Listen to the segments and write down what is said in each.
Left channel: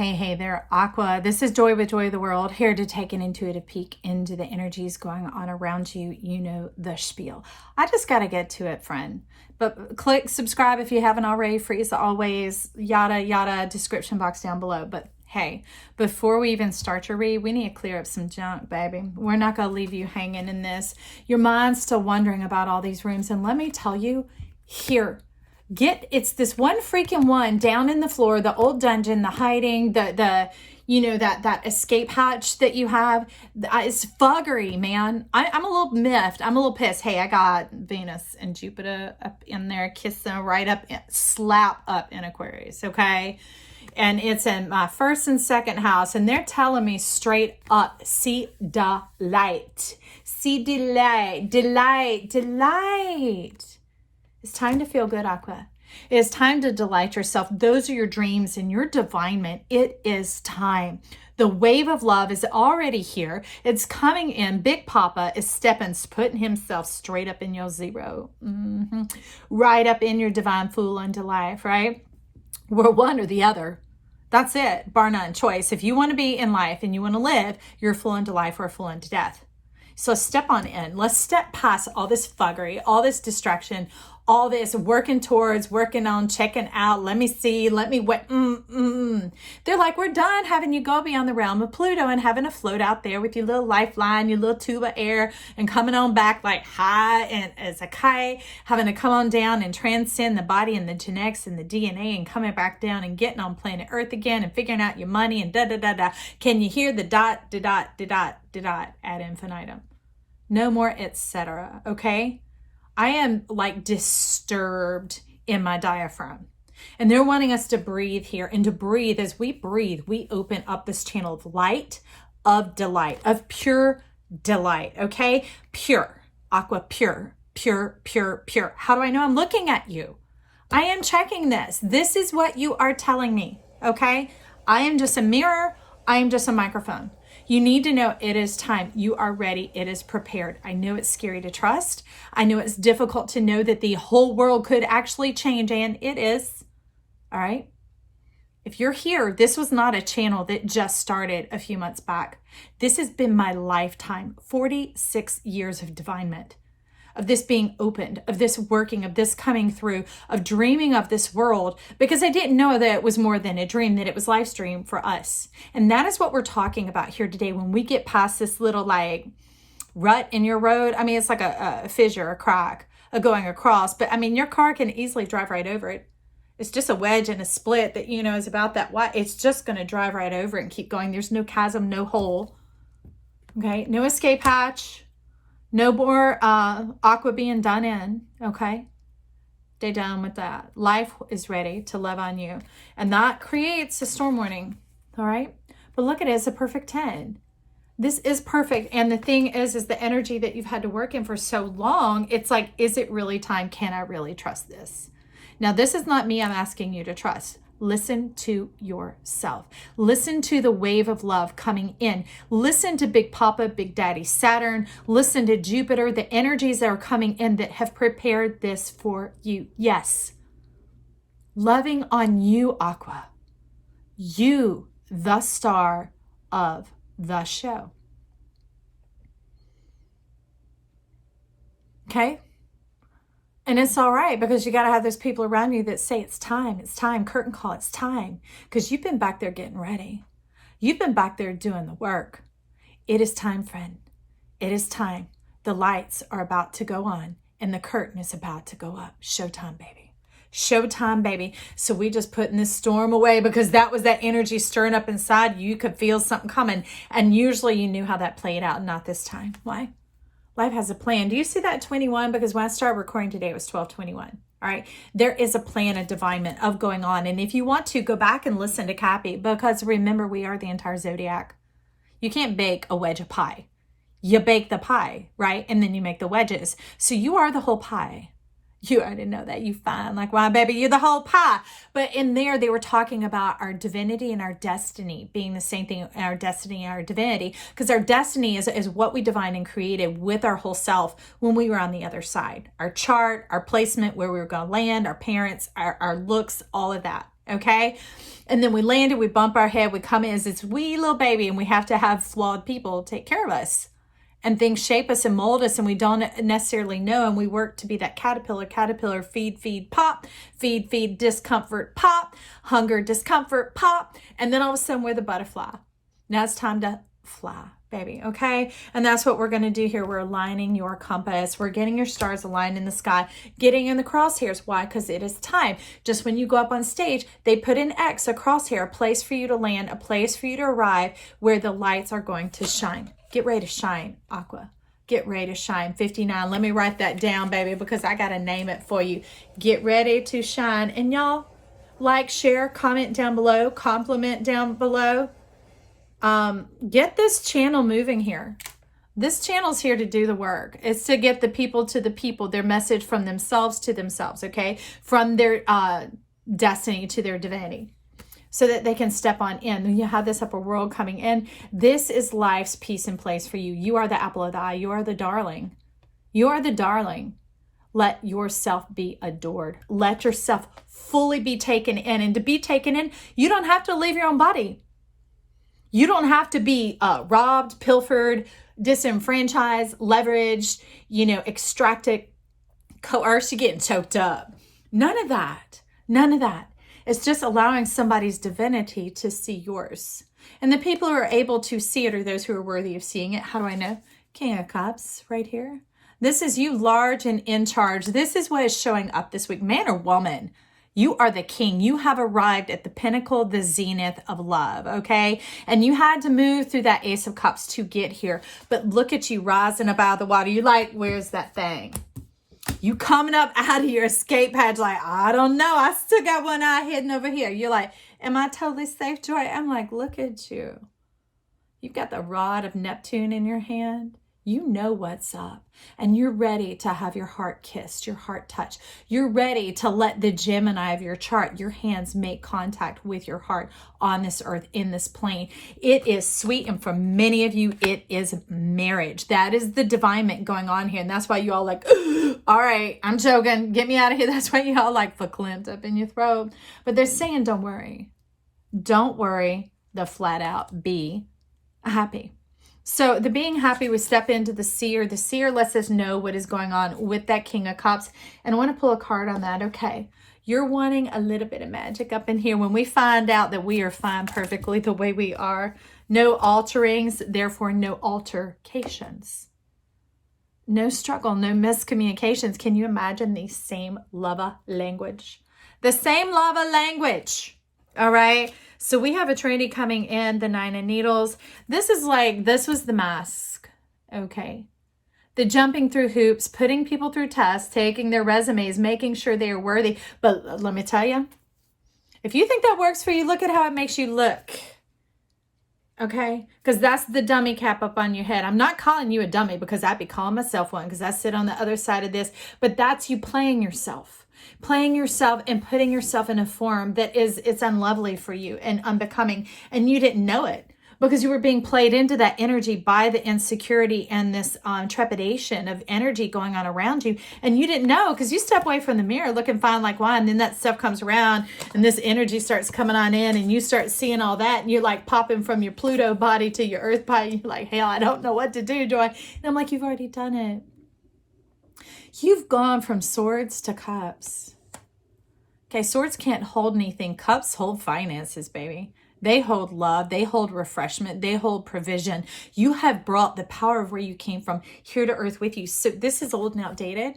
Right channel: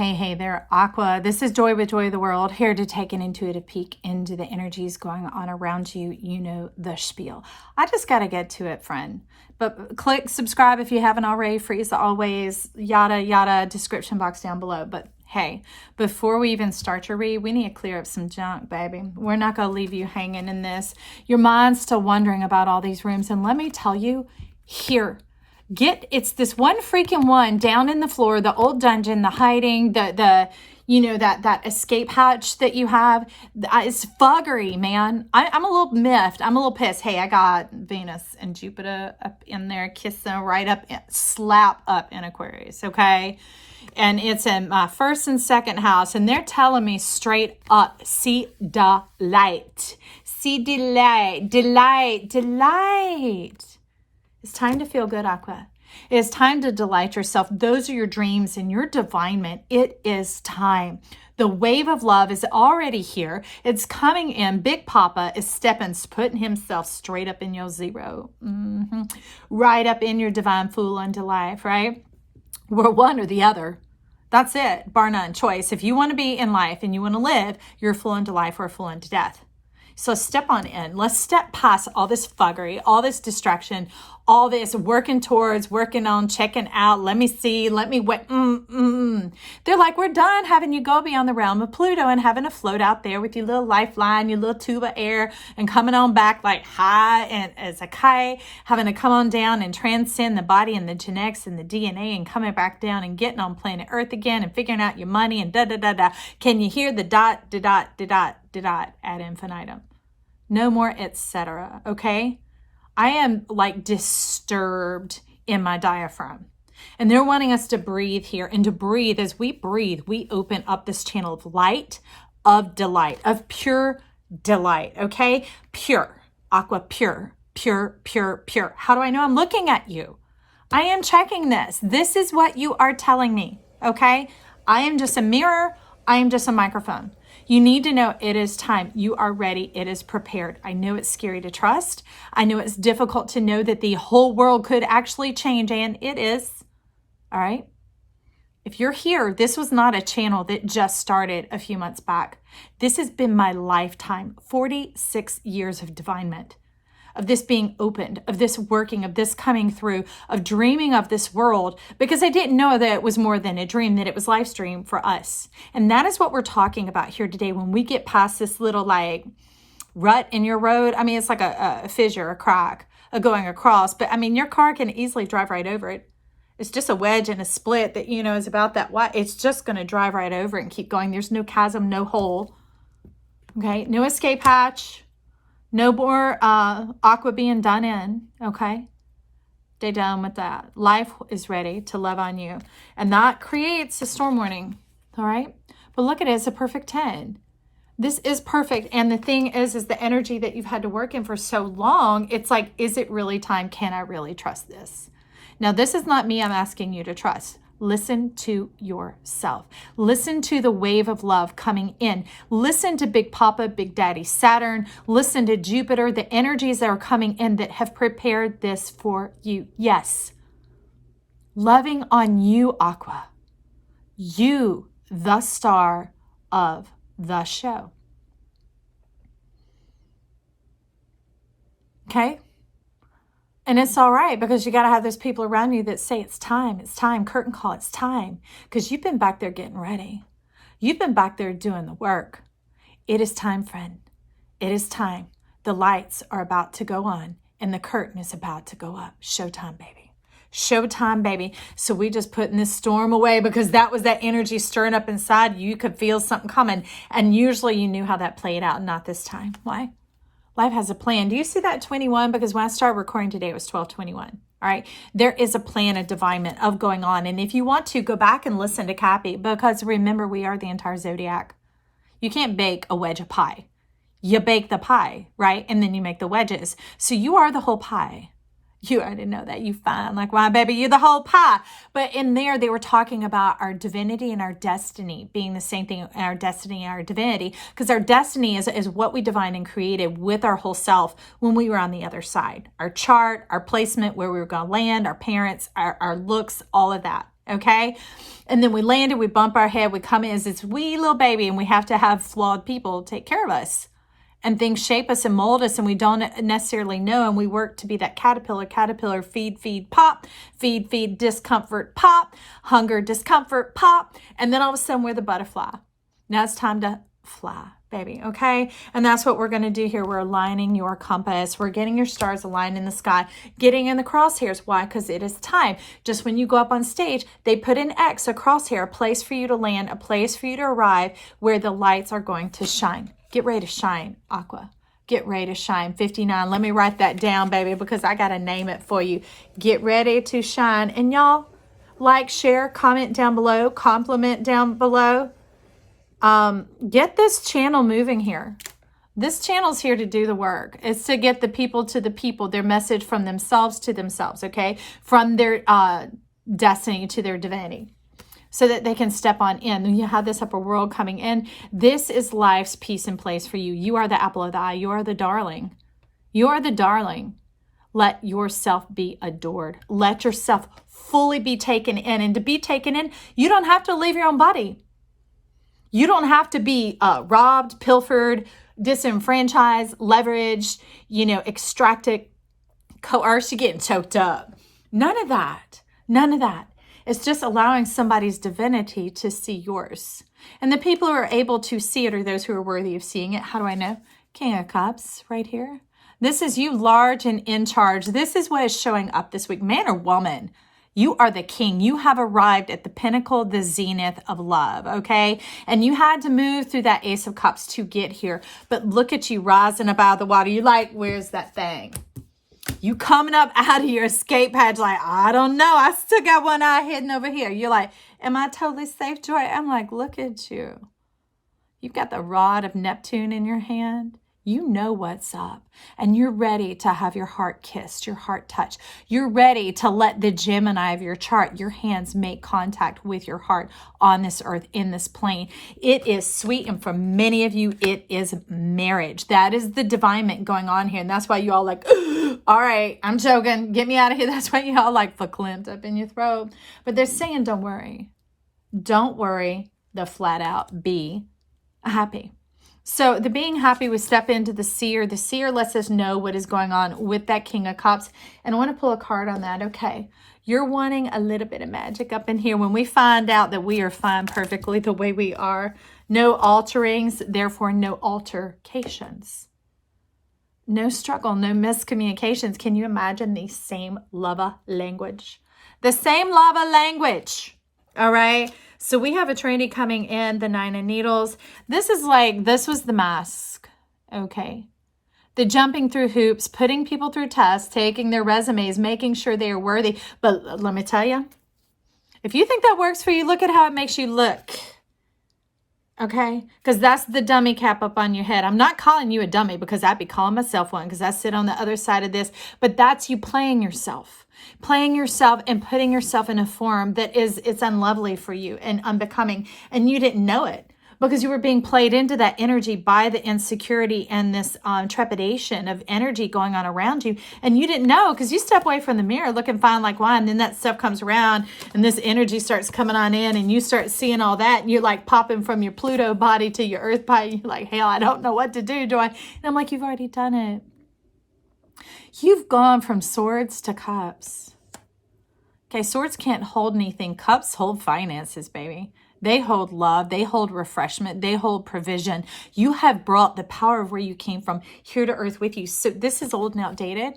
Hey there, Aqua. This is Joy with Joy of the World, here to take an intuitive peek into the energies going on around you. You know the spiel. I just got to get to it, friend. But click subscribe if you haven't already. Free as always, yada, yada, description box down below. But hey, before we even start your read, we need to clear up some junk, baby. We're not going to leave you hanging in this. Your mind's still wondering about all these rooms. And let me tell you, here, it's this one freaking one down in the floor, the old dungeon, the hiding, you know, that escape hatch that you have. It's fuggery, man. I'm a little miffed. I'm a little pissed. Hey, I got Venus and Jupiter up in there, kissing right up, slap up in Aquarius, okay? And it's in my first and second house, and they're telling me straight up, see delight. See delight, delight, delight. It's time to feel good, Aqua. It is time to delight yourself. Those are your dreams and your divinement. It is time. The wave of love is already here. It's coming in. Big Papa is putting himself straight up in your zero. Right up in your divine fool unto life, right? We're one or the other. That's it, bar none choice. If you want to be in life and you want to live, you're a fool unto life or a fool unto death. So step on in. Let's step past all this fuggery, all this distraction, all this working towards, working on, checking out. Let me see. Let me wait. They're like, we're done having you go beyond the realm of Pluto and having to float out there with your little lifeline, your little tube of air, and coming on back like high and as a kite, having to come on down and transcend the body and the genetics and the DNA and coming back down and getting on planet Earth again and figuring out your money and da-da-da-da. Can you hear the dot, da-dot, da-dot, da-dot ad infinitum? No more etc. Okay? I am like disturbed in my diaphragm. And they're wanting us to breathe here. And to breathe, as we breathe, we open up this channel of light, of delight, of pure delight. Okay? Pure. Aqua, pure. Pure, pure, pure. How do I know? I'm looking at you. I am checking this. This is what you are telling me. Okay? I am just a mirror. I am just a microphone. You need to know it is time. You are ready. It is prepared. I know it's scary to trust. I know it's difficult to know that the whole world could actually change, and it is. All right? If you're here, this was not a channel that just started a few months back. This has been my lifetime, 46 years of divinement, of this being opened, of this working, of this coming through, of dreaming of this world, because I didn't know that it was more than a dream, that it was live stream for us. And that is what we're talking about here today. When we get past this little like rut in your road, I mean, it's like a fissure, a crack, going across, but I mean, your car can easily drive right over it. It's just a wedge and a split that, you know, is about that wide. It's just going to drive right over it and keep going. There's no chasm, no hole. Okay. No escape hatch. No more Aqua being done in, okay? Stay done with that. Life is ready to love on you. And that creates a storm warning, all right? But look at it, it's a perfect 10. This is perfect. And the thing is the energy that you've had to work in for so long, it's like, is it really time? Can I really trust this? Now, this is not me I'm asking you to trust. Listen to yourself. Listen to the wave of love coming in. Listen to Big Papa, Big Daddy Saturn. Listen to Jupiter, the energies that are coming in that have prepared this for you. Yes. Loving on you, Aqua. You, the star of the show. Okay? And it's all right, because you got to have those people around you that say, it's time, curtain call, it's time. Because you've been back there getting ready. You've been back there doing the work. It is time, friend. It is time. The lights are about to go on and the curtain is about to go up. Showtime, baby. Showtime, baby. So we just putting this storm away, because that was that energy stirring up inside. You could feel something coming. And usually you knew how that played out. Not this time. Why? Life has a plan. Do you see that 21? Because when I started recording today, it was 12:21. All right. There is a plan, a divinement of going on. And if you want to, go back and listen to Cappy, because remember, we are the entire zodiac. You can't bake a wedge of pie. You bake the pie, right? And then you make the wedges. So you are the whole pie. You already know that. You fine. Like, why, baby, you're the whole pie. But in there, they were talking about our divinity and our destiny being the same thing, our destiny and our divinity. Because our destiny is what we divined and created with our whole self when we were on the other side. Our chart, our placement, where we were going to land, our parents, our looks, all of that. okay? And then we landed, we bump our head, we come in as this wee little baby, and we have to have flawed people take care of us. And things shape us and mold us, and we don't necessarily know, and we work to be that caterpillar, feed, pop, feed, discomfort, pop, hunger, discomfort, pop, and then all of a sudden we're the butterfly. Now it's time to fly, baby, okay? And that's what we're going to do here. We're aligning your compass. We're getting your stars aligned in the sky, getting in the crosshairs. Why? Because it is time. Just when you go up on stage, they put an X, a crosshair, a place for you to land, a place for you to arrive where the lights are going to shine. Get ready to shine, Aqua. Get ready to shine. 59. Let me write that down, baby, because I got to name it for you. Get ready to shine. And y'all, like, share, comment down below, compliment down below. Get this channel moving here. This channel's here to do the work. It's to get the people to the people, their message from themselves to themselves, okay? From their destiny to their divinity, so that they can step on in. And you have this upper world coming in. This is life's peace and place for you. You are the apple of the eye. You are the darling. You are the darling. Let yourself be adored. Let yourself fully be taken in. And to be taken in, you don't have to leave your own body. You don't have to be robbed, pilfered, disenfranchised, leveraged, extracted, coerced, you're getting choked up. None of that. None of that. It's just allowing somebody's divinity to see yours. And the people who are able to see it are those who are worthy of seeing it. How do I know? King of Cups right here. This is you, large and in charge. This is what is showing up this week. Man or woman, you are the king. You have arrived at the pinnacle, the zenith of love, okay? And you had to move through that Ace of Cups to get here. But look at you rising above the water. You like, where's that thing? You coming up out of your escape hatch like, I don't know. I still got one eye hidden over here. You're like, am I totally safe, Joy? I'm like, look at you. You've got the rod of Neptune in your hand. You know what's up. And you're ready to have your heart kissed, your heart touched. You're ready to let the Gemini of your chart, your hands, make contact with your heart on this earth, in this plane. It is sweet. And for many of you, it is marriage. That is the divinement going on here. And that's why you all like, all right, I'm joking. Get me out of here. That's why you all like verklempt up in your throat. But they're saying, don't worry. Don't worry. The flat out be happy. So the being happy, we step into the seer. The seer lets us know what is going on with that King of Cups. And I want to pull a card on that. Okay, you're wanting a little bit of magic up in here. When we find out that we are fine perfectly the way we are, no alterings, therefore no altercations. No struggle, no miscommunications. Can you imagine the same lava language? The same lava language, all right? So we have a trainee coming in, the Nine of Needles. This is like, this was the mask, okay? The jumping through hoops, putting people through tests, taking their resumes, making sure they are worthy. But let me tell you, if you think that works for you, look at how it makes you look, okay? Because that's the dummy cap up on your head. I'm not calling you a dummy because I'd be calling myself one because I sit on the other side of this. But that's you playing yourself. Playing yourself and putting yourself in a form that it's unlovely for you and unbecoming. And you didn't know it because you were being played into that energy by the insecurity and this trepidation of energy going on around you. And you didn't know because you step away from the mirror looking fine like wine. And then that stuff comes around and this energy starts coming on in and you start seeing all that. And you're like popping from your Pluto body to your Earth body. You're like, hell, I don't know what to do, Joy. And I'm like, you've already done it. You've gone from swords to cups. Okay, swords can't hold anything. Cups hold finances, baby. They hold love. They hold refreshment. They hold provision. You have brought the power of where you came from here to earth with you. So this is old and outdated.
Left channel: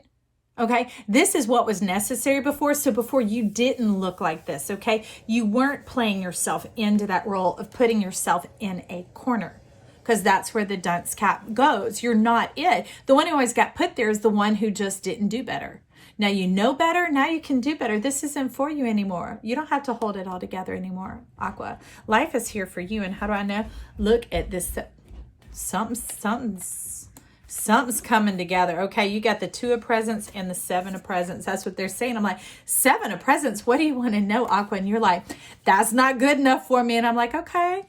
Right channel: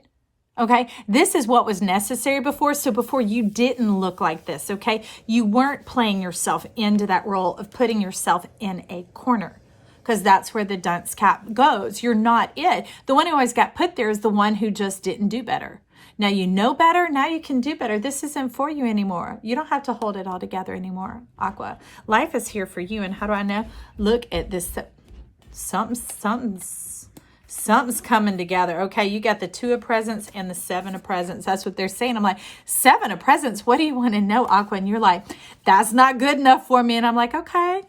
Okay, this is what was necessary before. So before you didn't look like this, okay? You weren't playing yourself into that role of putting yourself in a corner. Because that's where the dunce cap goes. You're not it. The one who always got put there is the one who just didn't do better. Now you know better. Now you can do better. This isn't for you anymore. You don't have to hold it all together anymore, Aqua. Life is here for you. And how do I know? Look at this. Something's coming together. Okay, you got the 2 of presents and the 7 of presents. That's what they're saying. I'm like, 7 of presents? What do you want to know, Aqua? And you're like, that's not good enough for me. And I'm like, okay.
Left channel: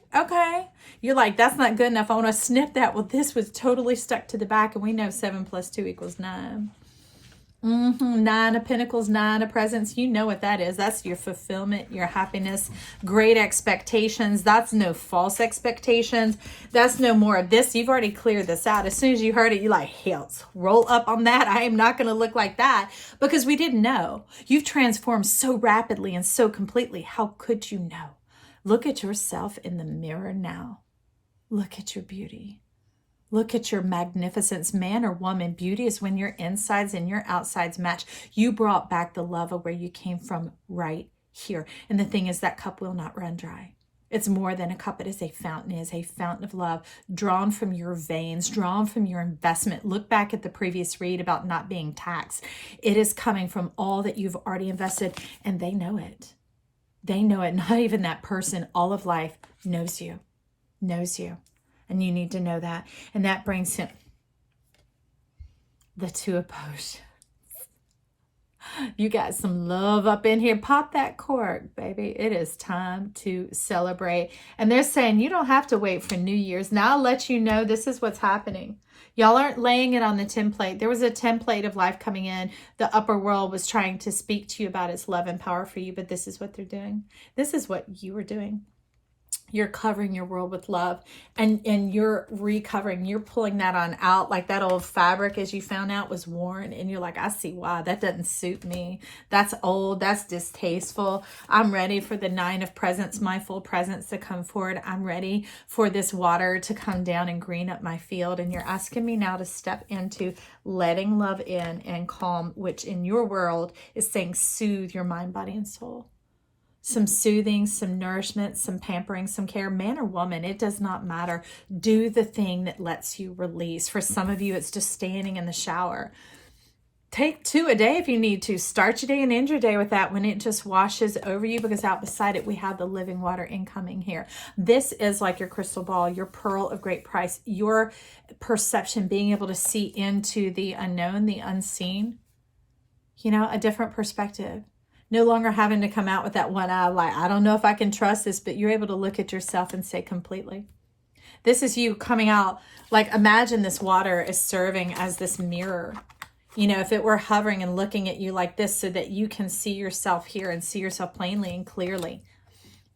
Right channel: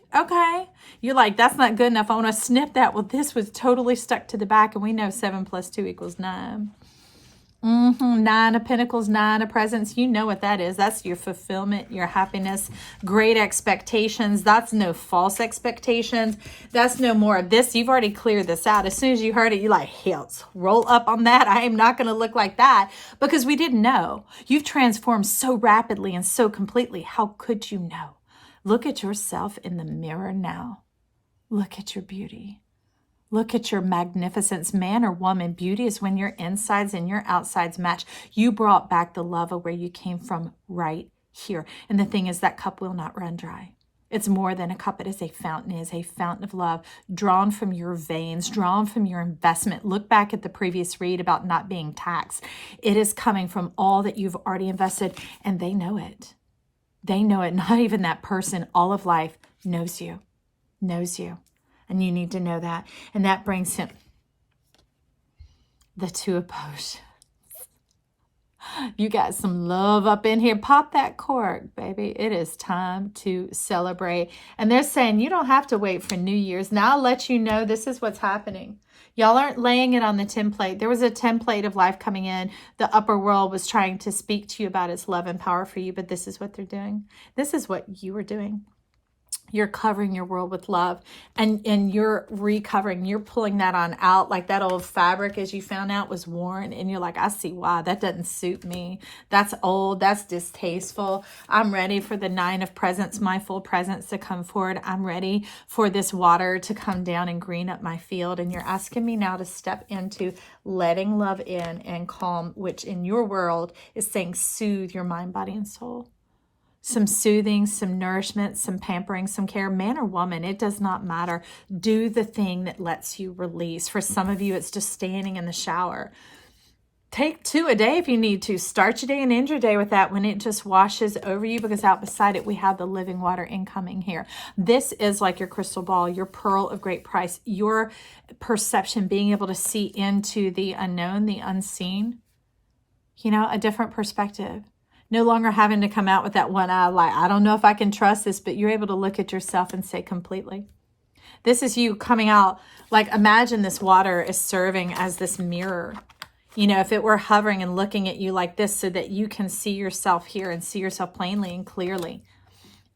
You're like, that's not good enough. I want to snip that. Well, this was totally stuck to the back. And we know 7 plus 2 equals 9. Nine of Pentacles, Nine of Presents. You know what that is. That's your fulfillment, your happiness, great expectations. That's no false expectations. That's no more of this. You've already cleared this out. As soon as you heard it, you're like, hell, roll up on that. I am not going to look like that, because we didn't know. You've transformed so rapidly and so completely. How could you know? Look at yourself in the mirror now. Look at your beauty. Look at your magnificence, man or woman. Beauty is when your insides and your outsides match. You brought back the love of where you came from right here. And the thing is, that cup will not run dry. It's more than a cup. It is a fountain. It is a fountain of love drawn from your veins, drawn from your investment. Look back at the previous read about not being taxed. It is coming from all that you've already invested, and they know it. They know it. Not even that person, all of life knows you, knows you. And you need to know that. And that brings him the Two of Potions. You got some love up in here. Pop that cork, baby. It is time to celebrate. And they're saying you don't have to wait for New Year's. Now I'll let you know this is what's happening. Y'all aren't laying it on the template. There was a template of life coming in. The upper world was trying to speak to you about its love and power for you, but this is what they're doing. This is what you are doing. You're covering your world with love, and you're recovering. You're pulling that on out, like that old fabric, as you found out, was worn, and you're like, I see why. That doesn't suit me. That's old. That's distasteful. I'm ready for the Nine of Presents, my full presence, to come forward. I'm ready for this water to come down and green up my field. And you're asking me now to step into letting love in and calm, which in your world is saying soothe your mind, body, and soul. Some soothing, some nourishment, some pampering, some care, man or woman, it does not matter. Do the thing that lets you release. For some of you, it's just standing in the shower. Take 2 a day if you need to. Start your day and end your day with that when it just washes over you, because out beside it, we have the living water incoming here. This is like your crystal ball, your pearl of great price, your perception, being able to see into the unknown, the unseen, a different perspective. No longer having to come out with that one eye, like, I don't know if I can trust this, but you're able to look at yourself and say completely. This is you coming out, like, imagine this water is serving as this mirror. If it were hovering and looking at you like this, so that you can see yourself here and see yourself plainly and clearly.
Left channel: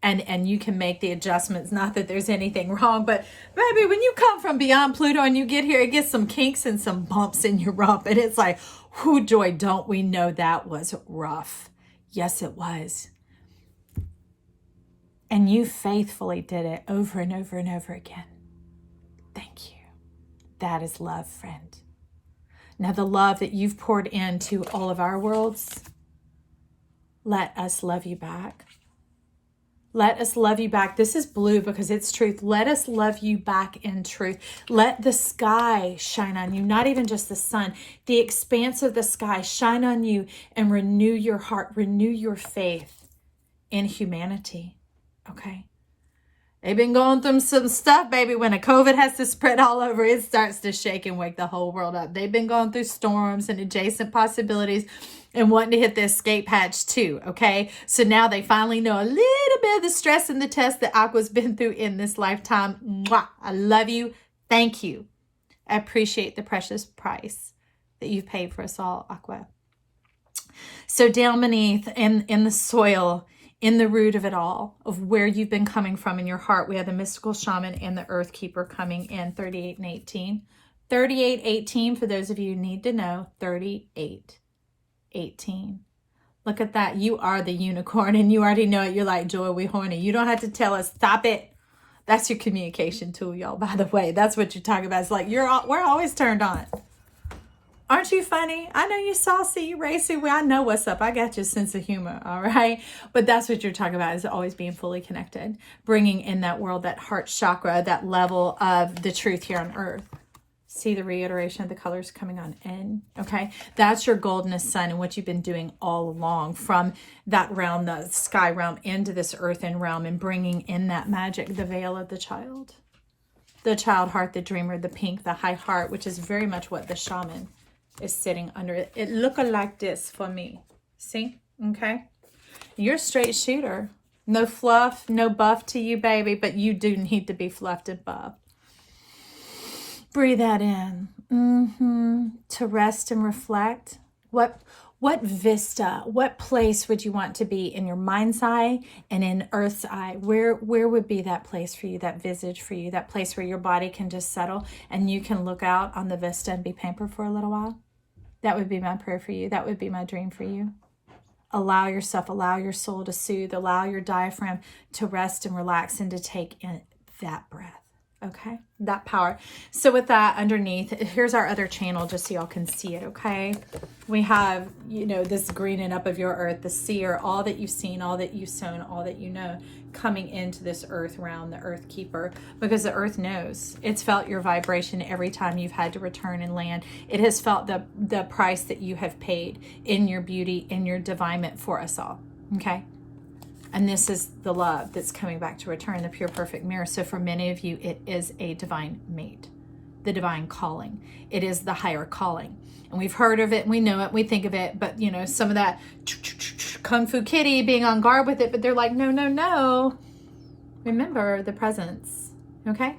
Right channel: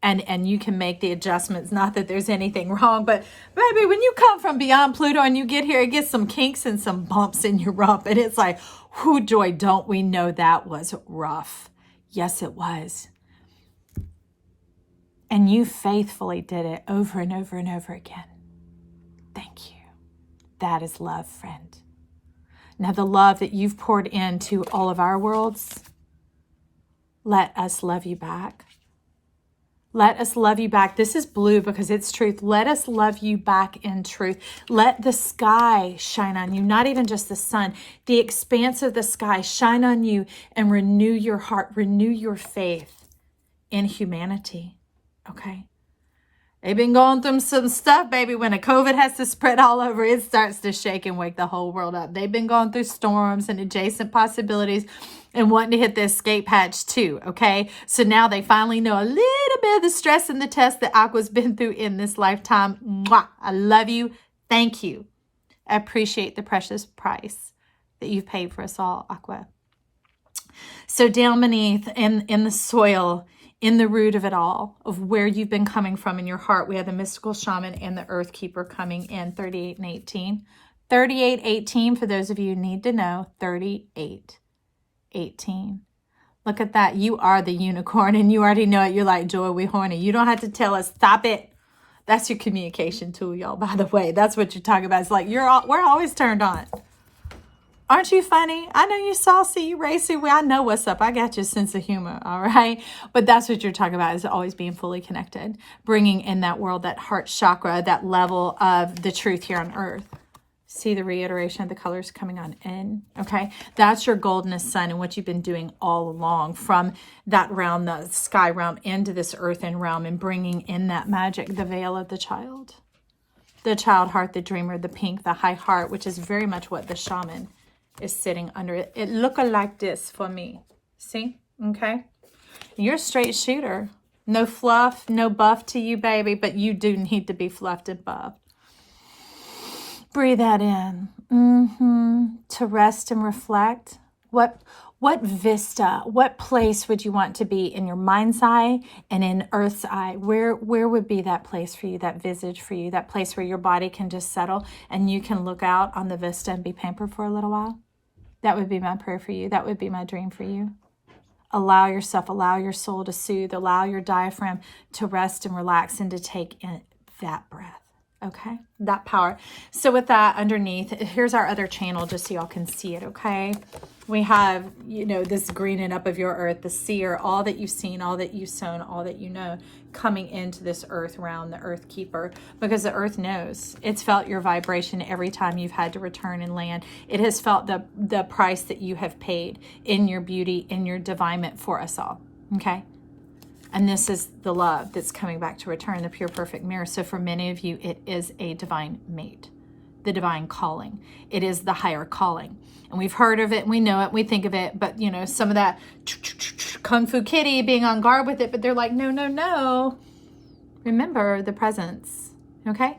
And you can make the adjustments. Not that there's anything wrong, but baby, when you come from beyond Pluto and you get here, it gets some kinks and some bumps in your rump. And it's like, whoo, joy, don't we know that was rough? Yes, it was. And you faithfully did it over and over and over again. Thank you. That is love, friend. Now, the love that you've poured into all of our worlds, let us love you back. Let us love you back. This is blue because it's truth. Let us love you back in truth. Let the sky shine on you, not even just the sun. The expanse of the sky shine on you and renew your heart, renew your faith in humanity. Okay? They've been going through some stuff, baby. When a COVID has to spread all over, it starts to shake and wake the whole world up. They've been going through storms and adjacent possibilities and wanting to hit the escape hatch too, okay? So now they finally know a little bit of the stress and the test that Aqua's been through in this lifetime. Mwah! I love you. Thank you. I appreciate the precious price that you've paid for us all, Aqua. So down beneath in the soil, in the root of it all, of where you've been coming from in your heart, we have the mystical shaman and the earth keeper coming in 38 and 18. 38, 18, for those of you who need to know, 38, 18. Look at that. You are the unicorn, and you already know it. You're like, Joy, we horny. You don't have to tell us, stop it. That's your communication tool, y'all, by the way. That's what you're talking about. It's like, we're always turned on. Aren't you funny? I know you saucy, you racy. Well, I know what's up. I got your sense of humor, all right? But that's what you're talking about, is always being fully connected. Bringing in that world, that heart chakra, that level of the truth here on earth. See the reiteration of the colors coming on in, okay? That's your goldenest sun and what you've been doing all along, from that realm, the sky realm, into this earthen realm, and bringing in that magic, the veil of the child. The child heart, the dreamer, the pink, the high heart, which is very much what the shaman is sitting under. It look like this for me. See? Okay? You're a straight shooter. No fluff, no buff to you, baby, but you do need to be fluffed and buffed. Breathe that in. To rest and reflect. What vista, what place would you want to be in your mind's eye and in Earth's eye? Where would be that place for you, that visage for you, that place where your body can just settle and you can look out on the vista and be pampered for a little while? That would be my prayer for you. That would be my dream for you. Allow yourself, allow your soul to soothe, allow your diaphragm to rest and relax and to take in that breath. Okay, that power. So with that underneath, here's our other channel just so y'all can see it, okay? We have, you know, this greening up of your earth, the seer, all that you've seen, all that you've sown, all that you know, coming into this earth realm, the earth keeper, because the earth knows. It's felt your vibration every time you've had to return and land. It has felt the price that you have paid in your beauty, in your divinement for us all, okay? And this is the love that's coming back to return, the pure perfect mirror. So for many of you, it is a divine mate, the divine calling. It is the higher calling. And we've heard of it, we know it, we think of it, but you know, some of that Kung Fu Kitty being on guard with it, but they're like, no, no, no. Remember the presence, okay?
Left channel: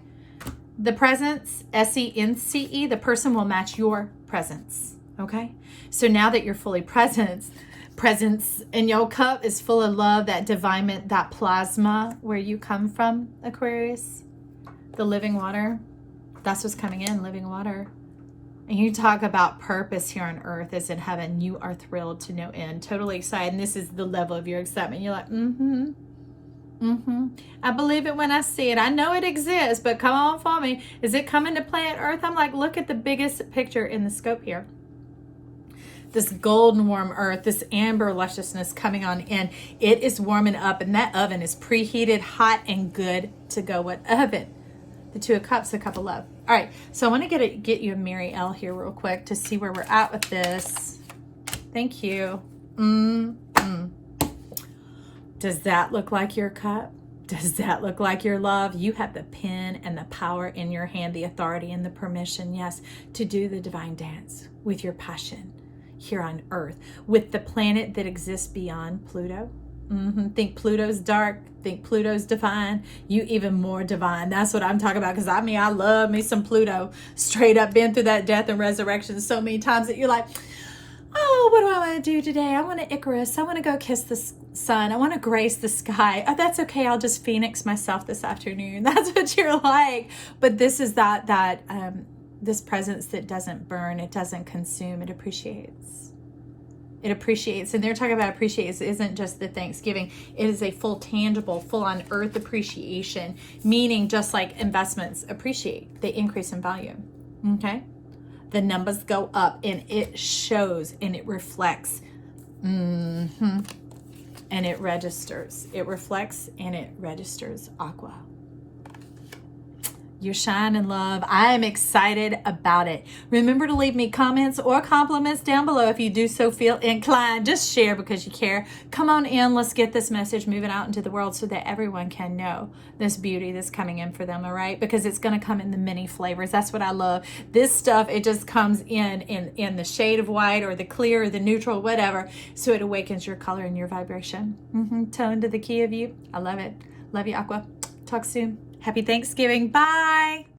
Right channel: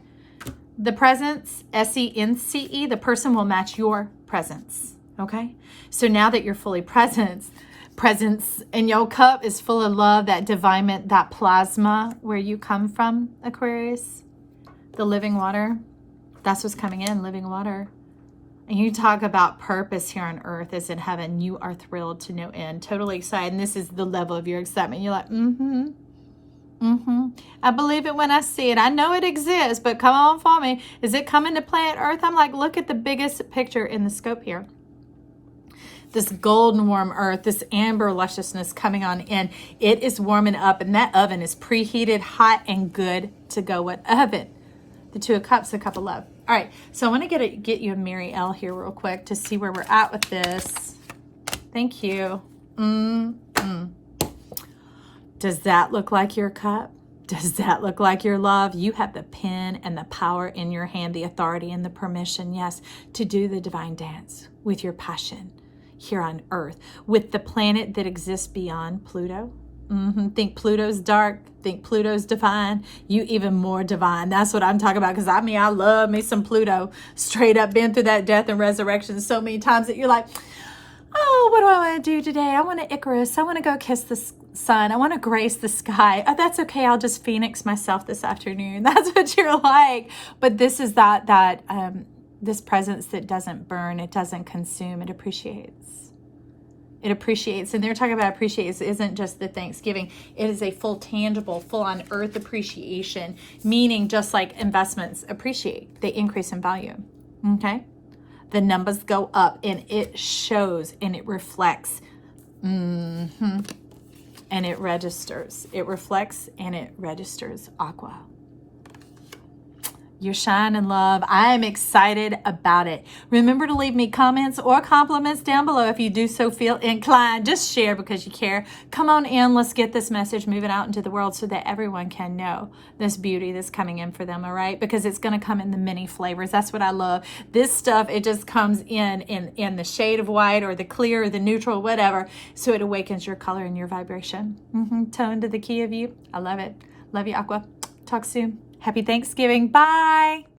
The presence, S-E-N-C-E, the person will match your presence, okay? So now that you're fully presence in your cup is full of love, that divinement, that plasma where you come from, Aquarius, the living water. That's what's coming in, living water. And you talk about purpose here on earth as in heaven. You are thrilled to no end, totally excited. And this is the level of your excitement. You're like, I believe it when I see it. I know it exists, but come on for me. Is it coming to planet Earth? I'm like, look at the biggest picture in the scope here. This golden warm earth, this amber lusciousness coming on in. It is warming up, and that oven is preheated, hot, and good to go. What oven? The Two of Cups, the cup of love. All right, so I want to get you a Mary L here real quick to see where we're at with this. Thank you. Does that look like your cup? Does that look like your love? You have the pen and the power in your hand, the authority and the permission, yes, to do the divine dance with your passion here on earth, with the planet that exists beyond Pluto. Think Pluto's dark, think Pluto's divine, you even more divine. That's what I'm talking about, because I mean, I love me some Pluto. Straight up been through that death and resurrection so many times that you're like, oh, what do I want to do today? I want to Icarus. I want to go kiss the sun. I want to grace the sky. Oh, that's okay. I'll just Phoenix myself this afternoon. That's what you're like. But this is this presence that doesn't burn. It doesn't consume. It appreciates. It appreciates. And they're talking about appreciates. It isn't just the Thanksgiving. It is a full, tangible, full on earth appreciation, meaning just like investments appreciate. They increase in value. Okay? The numbers go up and it shows and it reflects. And it registers. It reflects and it registers. Aqua. You shine in love. I am excited about it. Remember to leave me comments or compliments down below if you do so feel inclined. Just share because you care. Come on in. Let's get this message moving out into the world so that everyone can know this beauty that's coming in for them, all right? Because it's going to come in the many flavors. That's what I love. This stuff, it just comes in the shade of white or the clear or the neutral, whatever. So it awakens your color and your vibration. Tone to the key of you. I love it. Love you, Aqua. Talk soon. Happy Thanksgiving. Bye.